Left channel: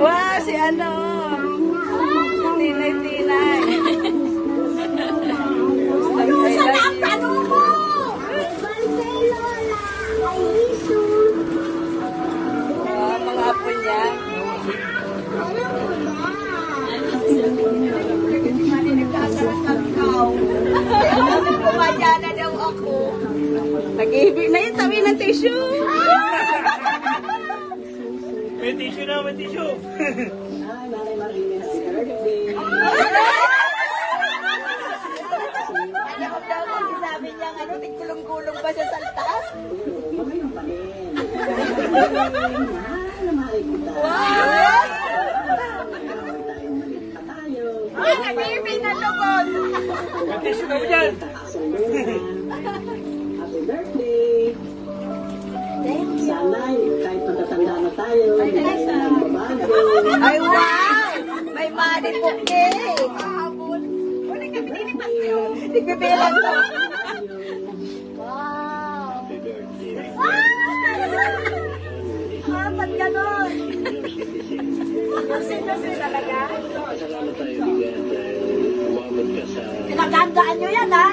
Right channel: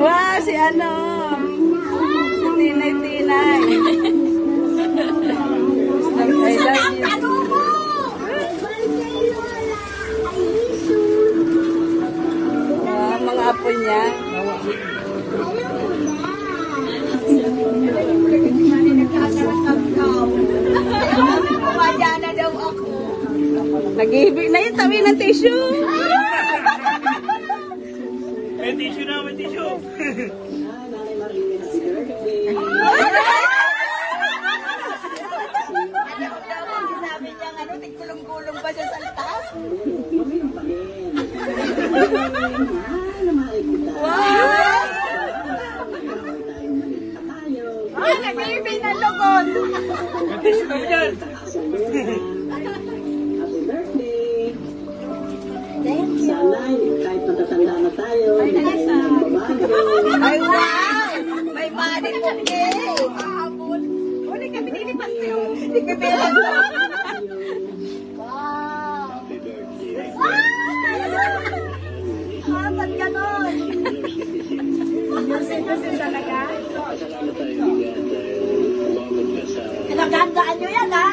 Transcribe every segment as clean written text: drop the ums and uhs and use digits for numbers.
Wah, si ano. Tilay-tilay. Sana ang tago mo! Mga po niya. Kumadya na daw ako. Nag-ibig na yun, tabi ng tissue. May tissue na, may tissue. Sabi niya, ano, tigkulong-kulong ba siya sa taas? Nag-ibig na lukon. May tissue ka dyan. Sana kahit matatanda na tayo, hindi tayo magbabago. Ay, wow! May money po eh. Kahapon. Wala kami nilipas kayo. Nagbibilang ko. Wow! Ah, ba't ganon? Kasi talaga. Pasalamat tayo bigyan dahil umabot ka sa... Nagandaan nyo yan, ha?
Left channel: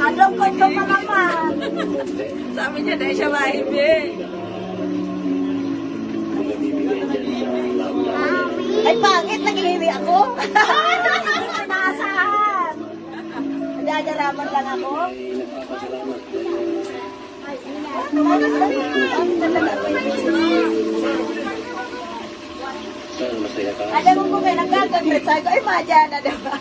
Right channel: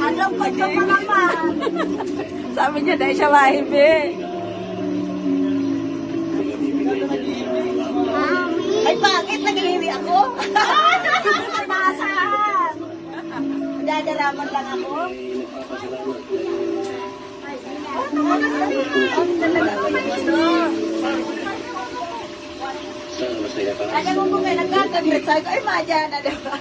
Anong kondo ka naman? Sabi nyo, dahil siya mahibig. Ay, bakit? Nag-iwi ako? Pinaasahan. Nagdadalaman lang ako. Sana masaya ka. Alam mo kayo nagkakapit. Sabi ko, ay, madya na, diba?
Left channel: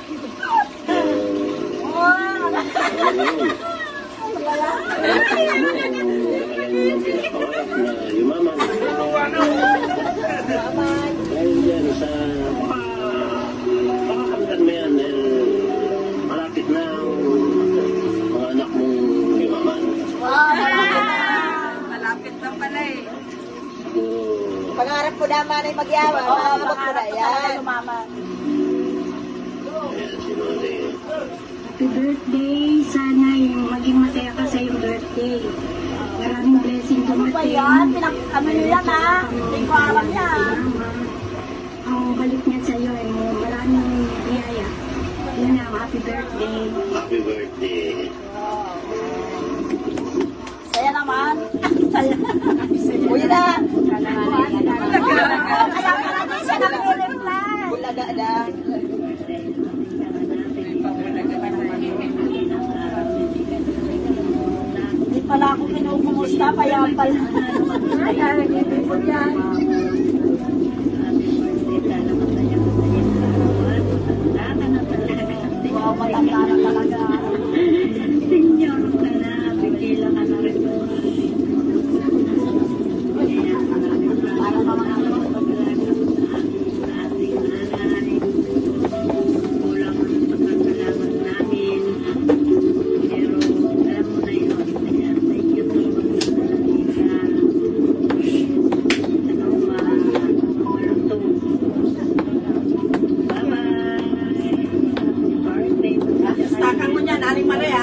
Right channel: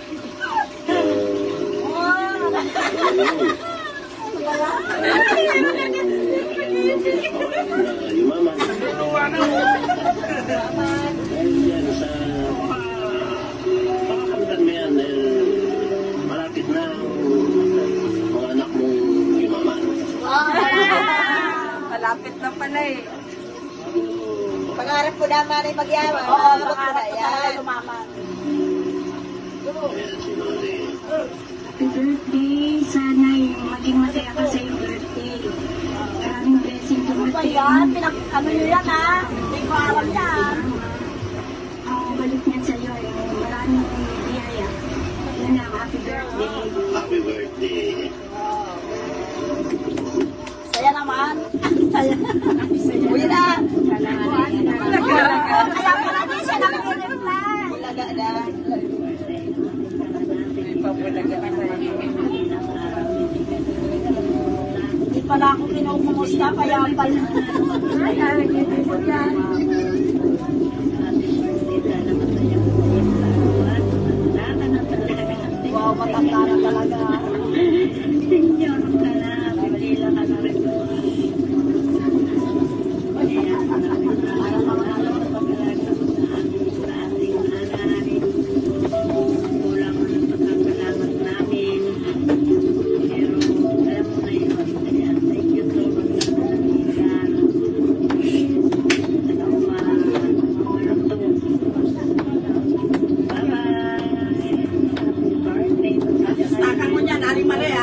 Yumaman. Dahil yan sa makakamtan mo yan dahil malapit na ang mga anak mong yumaman. Malapit na pala eh. Pangarap ko naman ay magyaman. Oo, pangarap ko talaga lumaman. Yan si Mali. Happy birthday. Sana maging masaya ka sa iyong birthday. Maraming blessing Ano ba dumating. yan? Ano nyo yan, ha? Hindi ko alam yan. Ang balik niya sa iyo ay maraming biyaya. Yun na, happy birthday. Happy birthday. Saya naman. Saya. Uy na. Kaya pala din siya nag-reply. Ilaga na. Hindi pala ako kinukumusta, kaya pala. Wow, matanda na talaga. Takang mo niyan, Aling Maria.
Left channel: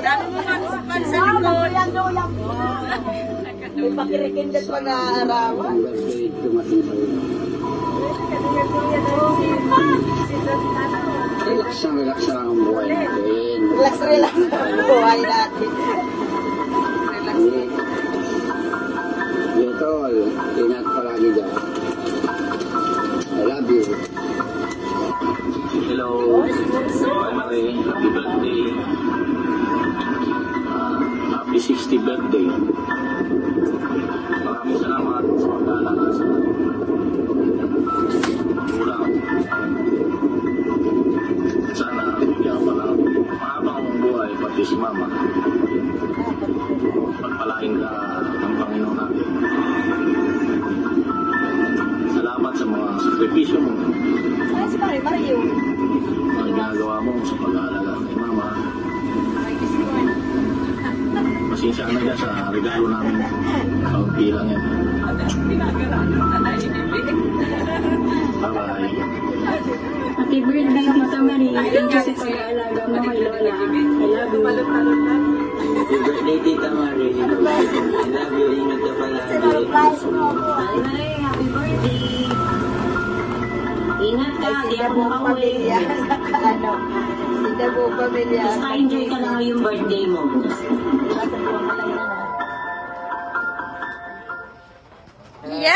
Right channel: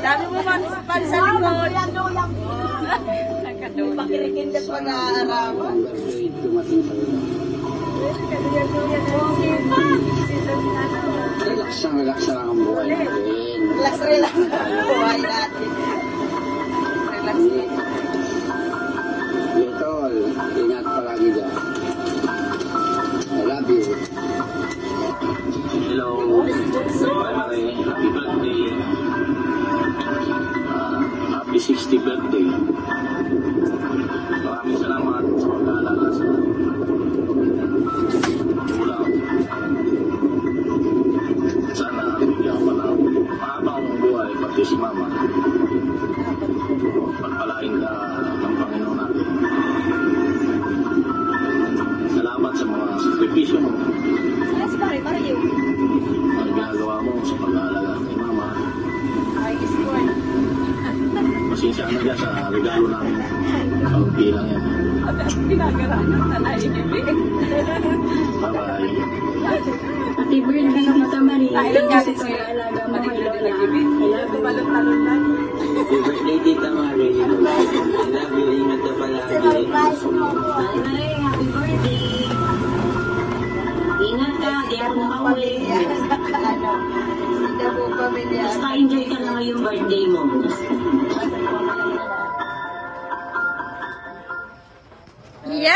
Dami mo pa sa likod. Yan doon lang. May pakilikindat mo na alam. Ang birthday dumating sa'yo. Relax lang ang buhay natin. Relax ang buhay natin. Dito, ingat palagi dyan. I love you. Hello. Happy birthday. Happy 60th birthday. Maraming salamat sa pag-aalaga sa ulam. Sana bigyan ka ng mahabang buhay, pati si Mama. Pagpalain ka ng Panginoon natin. Salamat sa mga sakripisyo mo. Yes, Mario. Ang ginagawa mo sa pag-aalaga kay Mama. Pasensya na dyan sa regalo namin. Kaunti lang yan. Bye-bye. kasi pag-aalaga mo kay Lola. I love you. Happy birthday, Tita Mari. I love you. Ingat ka palagi. Nanay, happy birthday. Ingat ka, di ako nakauwi. Hindi po pamilya. Basta enjoy ka lang yung birthday mo. Yeah.